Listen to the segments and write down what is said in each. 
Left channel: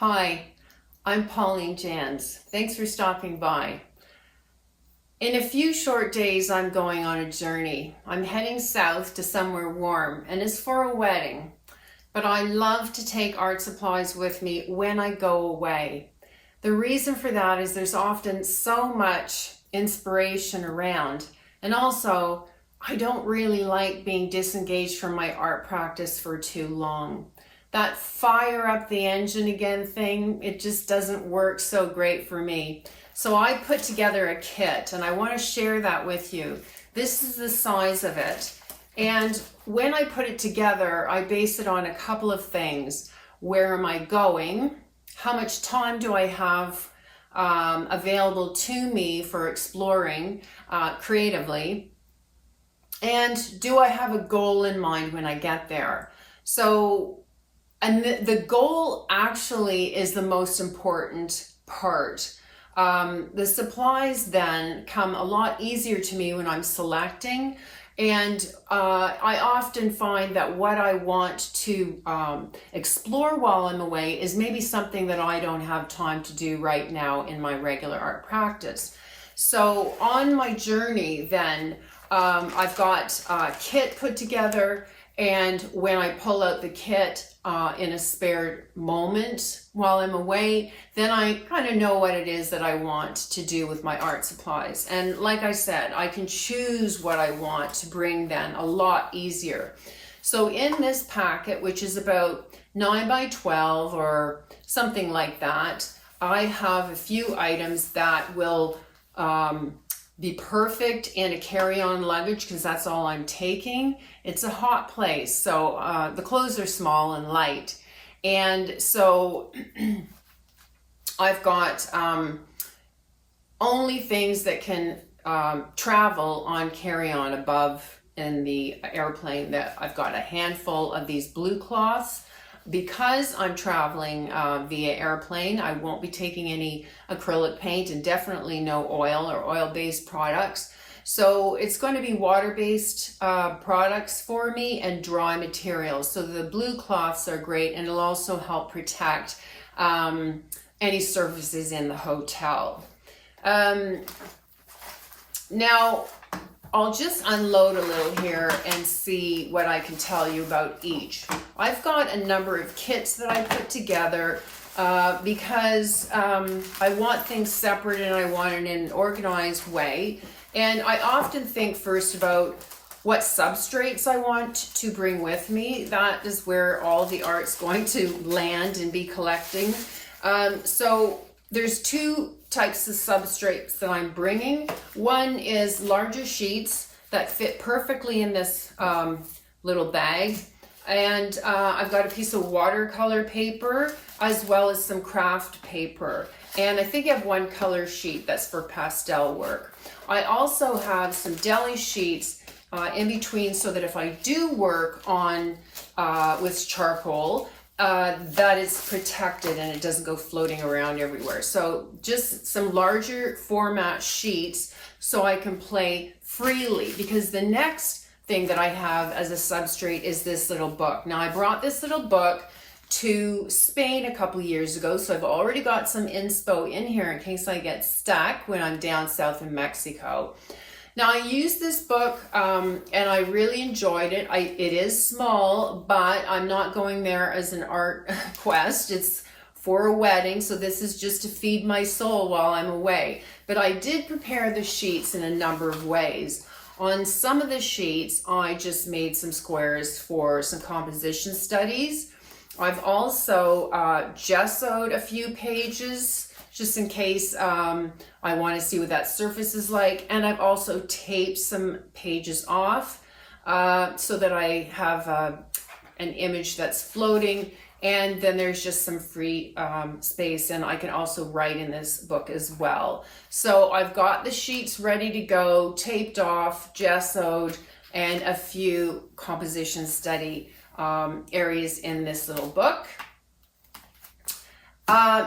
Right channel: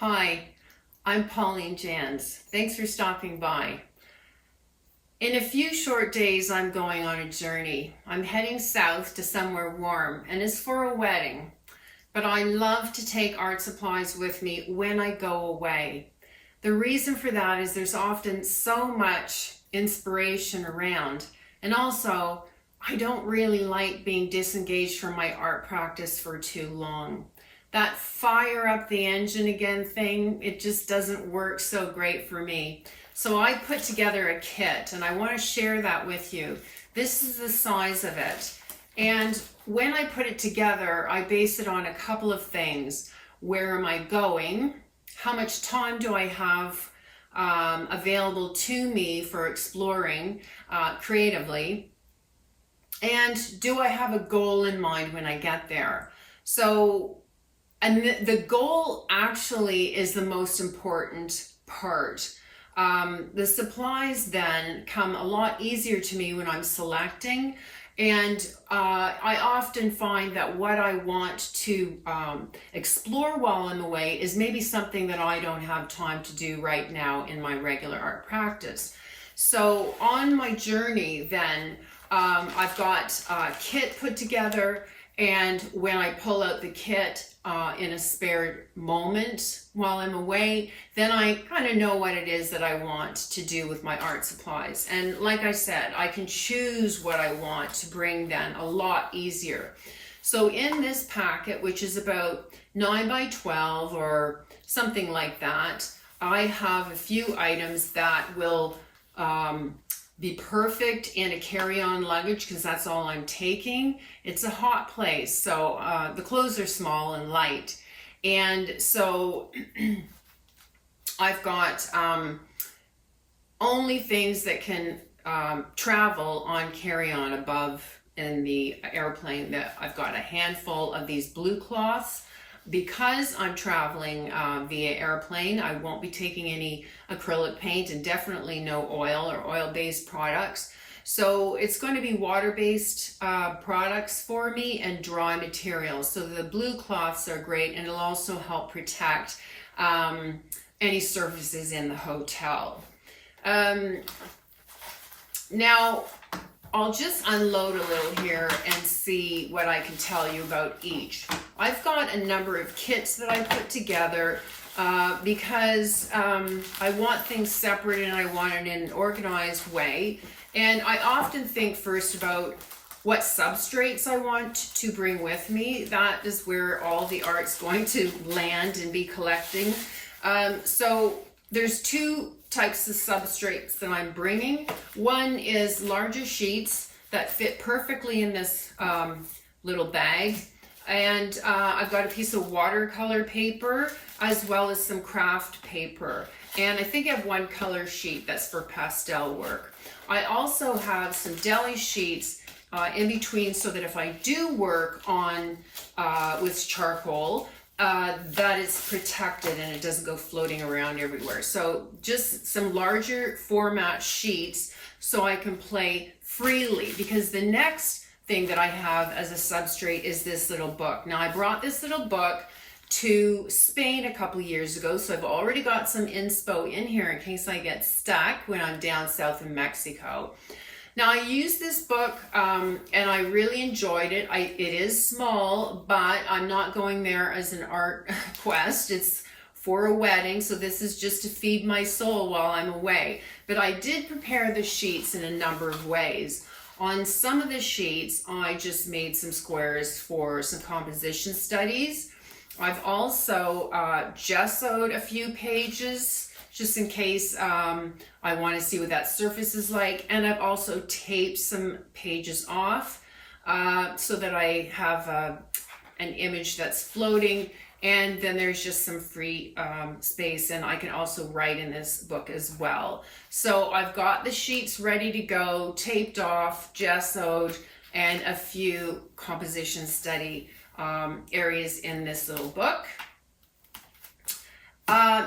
Hi, I'm Pauline Jans. Thanks for stopping by. In a few short days, I'm going on a journey. I'm heading south to somewhere warm, and it's for a wedding. But I love to take art supplies with me when I go away. The reason for that is there's often so much inspiration around, and also I don't really like being disengaged from my art practice for too long. That fire up the engine again thing, it just doesn't work so great for me. So I put together a kit and I want to share that with you. This is the size of it. And when I put it together, I base it on a couple of things. Where am I going? How much time do I have available to me for exploring creatively? And do I have a goal in mind when I get there? And the goal actually is the most important part. The supplies then come a lot easier to me when I'm selecting, and I often find that what I want to explore while I'm away is maybe something that I don't have time to do right now in my regular art practice. So on my journey then, I've got a kit put together, and when I pull out the kit in a spare moment while I'm away, then I kind of know what it is that I want to do with my art supplies. And like I said, I can choose what I want to bring then a lot easier. So in this packet, which is about 9 by 12 or something like that, I have a few items that will be perfect in a carry-on luggage because that's all I'm taking. It's a hot place, so the clothes are small and light. And so I've got only things that can travel on carry-on above in the airplane. That I've got a handful of these blue cloths. Because I'm traveling via airplane, I won't be taking any acrylic paint and definitely no oil or oil-based products. So it's going to be water-based products for me and dry materials. So the blue cloths are great, and it'll also help protect any surfaces in the hotel. Now, I'll just unload a little here and see what I can tell you about each. I've got a number of kits that I put together because I want things separate and I want it in an organized way. And I often think first about what substrates I want to bring with me. That is where all the art's going to land and be collecting. So there's two types of substrates that I'm bringing. One is larger sheets that fit perfectly in this little bag. And I've got a piece of watercolor paper as well as some craft paper. And I think I have one color sheet that's for pastel work. I also have some deli sheets in between so that if I do work on with charcoal, that is protected and it doesn't go floating around everywhere. So just some larger format sheets so I can play freely, because the next thing that I have as a substrate is this little book. Now I brought this little book to Spain a couple years ago, so I've already got some inspo in here in case I get stuck when I'm down south in Mexico. Now I used this book and I really enjoyed it. It is small, but I'm not going there as an art quest. It's for a wedding, so this is just to feed my soul while I'm away. But I did prepare the sheets in a number of ways. On some of the sheets, I just made some squares for some composition studies. I've also gessoed a few pages just in case I want to see what that surface is like. And I've also taped some pages off so that I have an image that's floating. And then there's just some free space, and I can also write in this book as well. So I've got the sheets ready to go, taped off, gessoed, and a few composition study areas in this little book.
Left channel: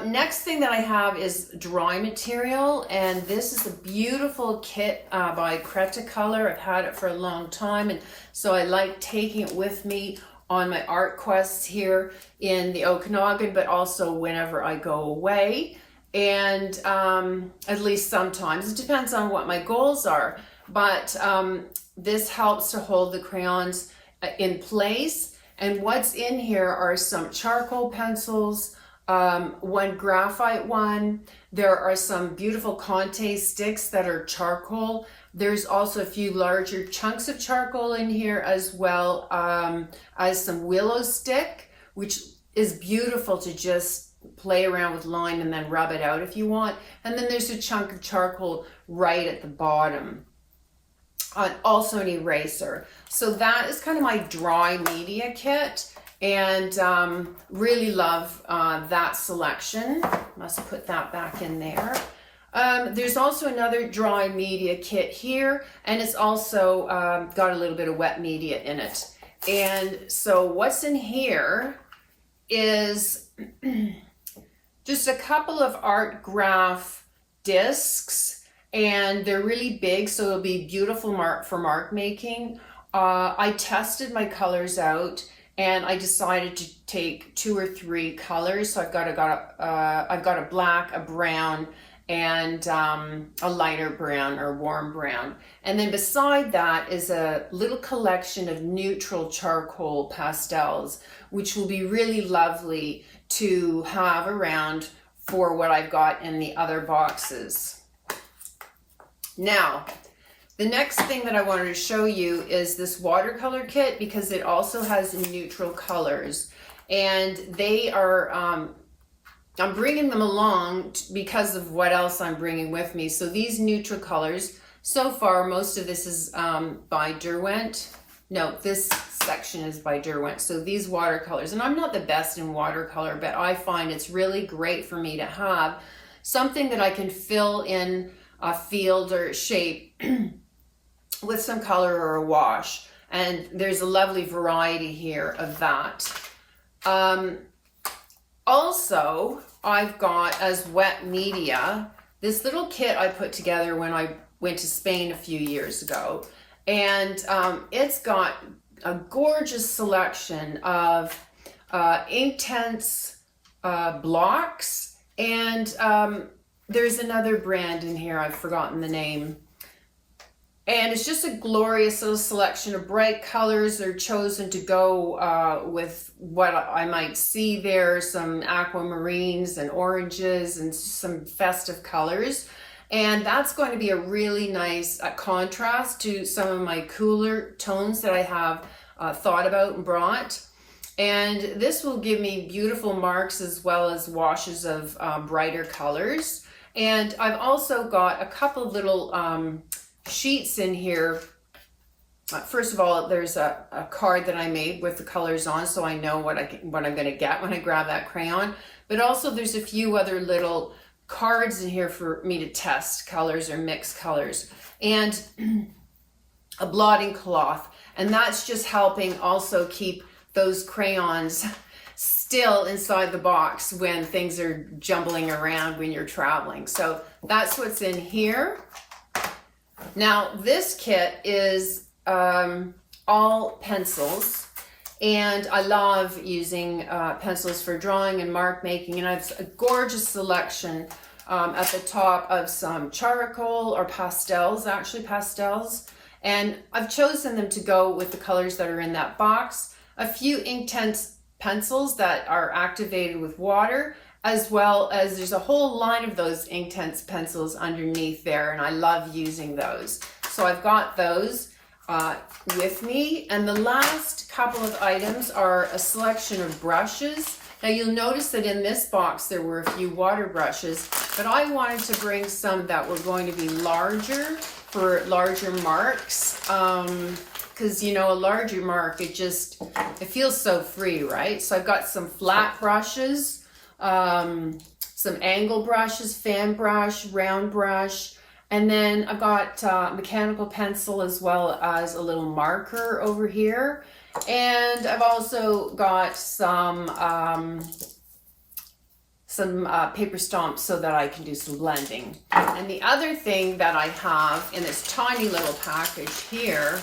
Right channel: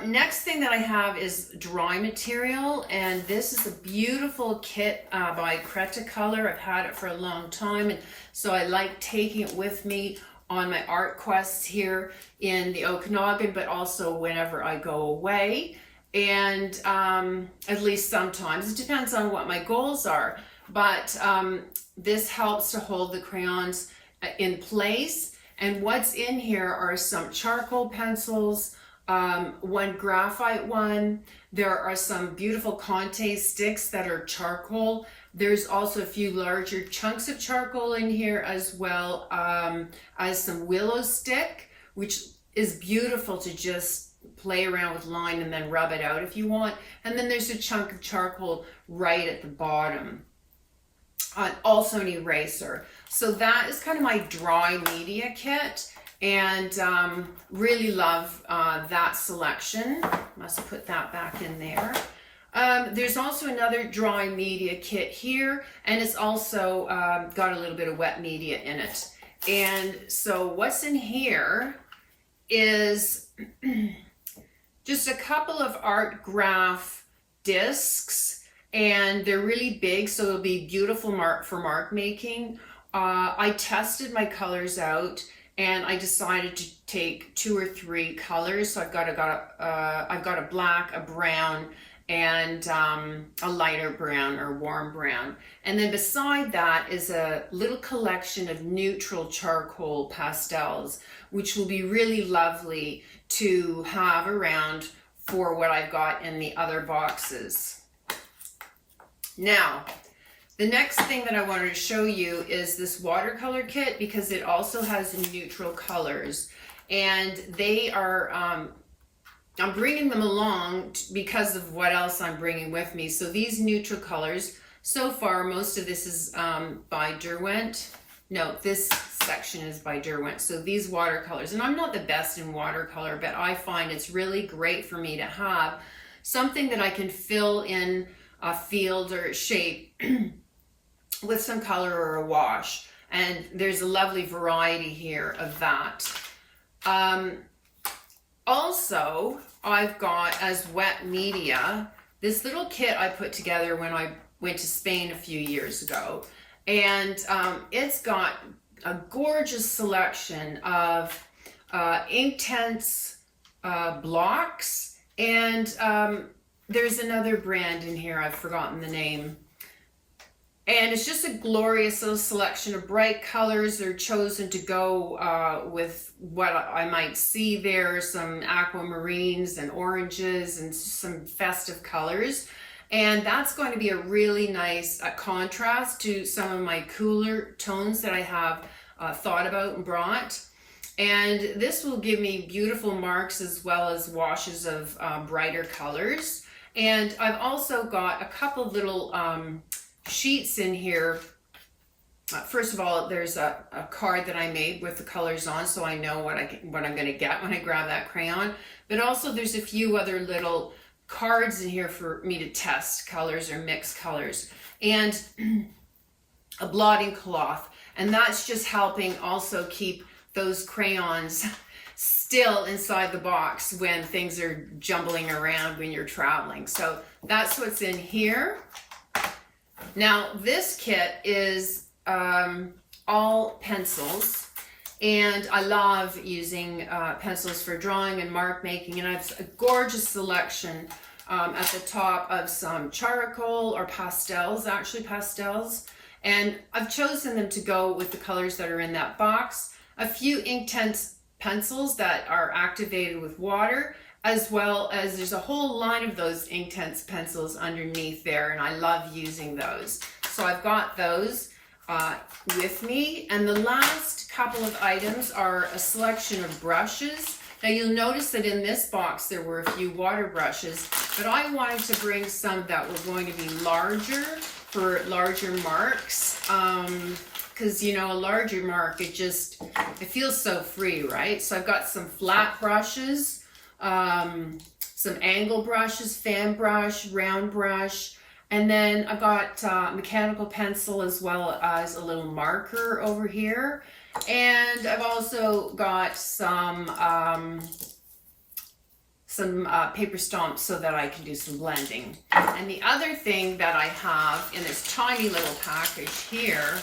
Next thing that I have is dry material, and this is a beautiful kit by Cretacolor. I've had it for a long time, and so I like taking it with me on my art quests here in the Okanagan, but also whenever I go away. And at least sometimes, it depends on what my goals are. But this helps to hold the crayons in place. And what's in here are some charcoal pencils, one graphite one. There are some beautiful Conte sticks that are charcoal. There's also a few larger chunks of charcoal in here, as well as some willow stick, which is beautiful to just play around with line and then rub it out if you want. And then there's a chunk of charcoal right at the bottom. Also an eraser. So that is kind of my dry media kit, and really love that selection. Must put that back in there. There's also another dry media kit here, and it's also got a little bit of wet media in it. And so what's in here is just a couple of art graph discs, and they're really big, so it'll be beautiful for mark making. I tested my colors out, and I decided to take 2 or 3 colors. So I've got a black, a brown, and a lighter brown or warm brown. And then beside that is a little collection of neutral charcoal pastels, which will be really lovely to have around for what I've got in the other boxes. Now, the next thing that I wanted to show you is this watercolor kit, because it also has neutral colors, and they are, I'm bringing them along because of what else I'm bringing with me. So these neutral colors, so far, most of this is by Derwent. No, this section is by Derwent. So these watercolors, and I'm not the best in watercolor, but I find it's really great for me to have something that I can fill in a field or shape with some color or a wash. And there's a lovely variety here of that. Also, I've got as wet media, this little kit I put together when I went to Spain a few years ago. And it's got a gorgeous selection of Inktense blocks, and there's another brand in here, I've forgotten the name. And it's just a glorious little selection of bright colors. They're chosen to go with what I might see there, some aquamarines and oranges and some festive colors. And that's going to be a really nice contrast to some of my cooler tones that I have thought about and brought. And this will give me beautiful marks as well as washes of brighter colors. And I've also got a couple little sheets in here. First of all, there's a card that I made with the colors on, so I know what I'm going to get when I grab that crayon. But also there's a few other little cards in here for me to test colors or mix colors, and a blotting cloth. And that's just helping also keep those crayons still inside the box when things are jumbling around when you're traveling. So that's what's in here. Now this kit is all pencils, and I love using pencils for drawing and mark making, and I have a gorgeous selection at the top of some charcoal or pastels, actually pastels, and I've chosen them to go with the colors that are in that box. A few Inktense pencils that are activated with water, as well as there's a whole line of those Inktense pencils underneath there, and I love using those. So I've got those with me. And the last couple of items are a selection of brushes. Now you'll notice that in this box there were a few water brushes, but I wanted to bring some that were going to be larger for larger marks, because you know, a larger mark, it feels so free, right? So I've got some flat brushes, some angle brushes, fan brush, round brush, and then I've got mechanical pencil as well as a little marker over here. And I've also got some paper stomps so that I can do some blending. And the other thing that I have in this tiny little package here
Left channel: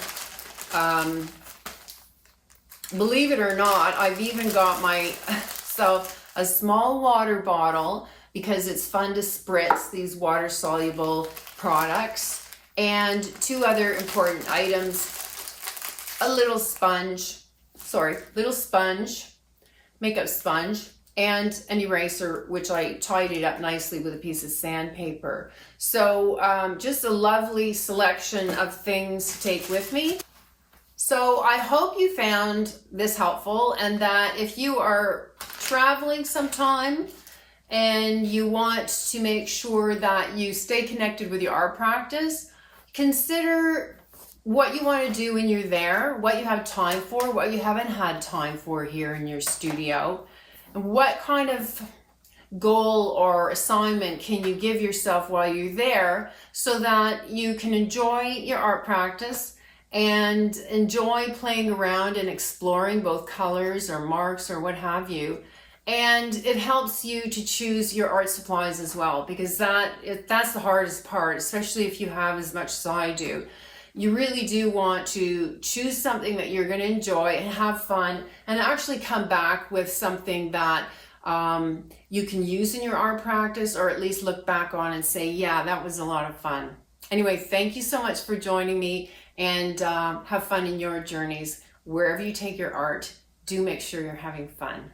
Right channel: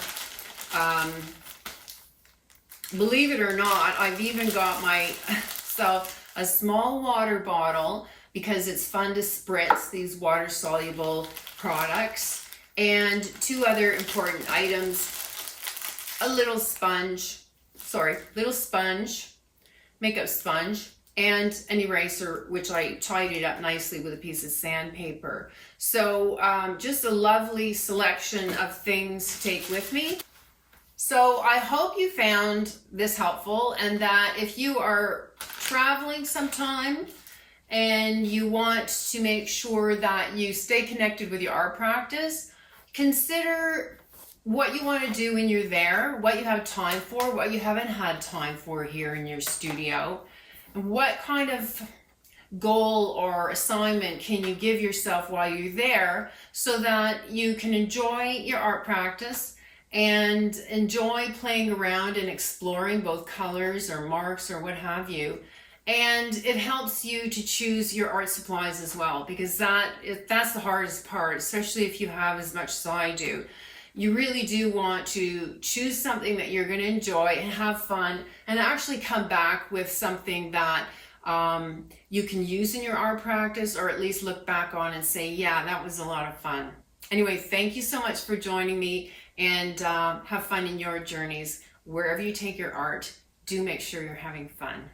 believe it or not, I've even got myself a small water bottle because it's fun to spritz these water-soluble products, and two other important items, a little sponge, makeup sponge, and an eraser, which I tidied up nicely with a piece of sandpaper. So just a lovely selection of things to take with me. So I hope you found this helpful, and that if you are traveling sometime and you want to make sure that you stay connected with your art practice, consider what you want to do when you're there, what you have time for, what you haven't had time for here in your studio, and what kind of goal or assignment can you give yourself while you're there so that you can enjoy your art practice and enjoy playing around and exploring both colors or marks or what have you. And it helps you to choose your art supplies as well, because that's the hardest part, especially if you have as much as I do. You really do want to choose something that you're going to enjoy and have fun, and actually come back with something that you can use in your art practice, or at least look back on and say, yeah, that was a lot of fun. Anyway, thank you so much for joining me, and have fun in your journeys. Wherever you take your art, do make sure you're having fun.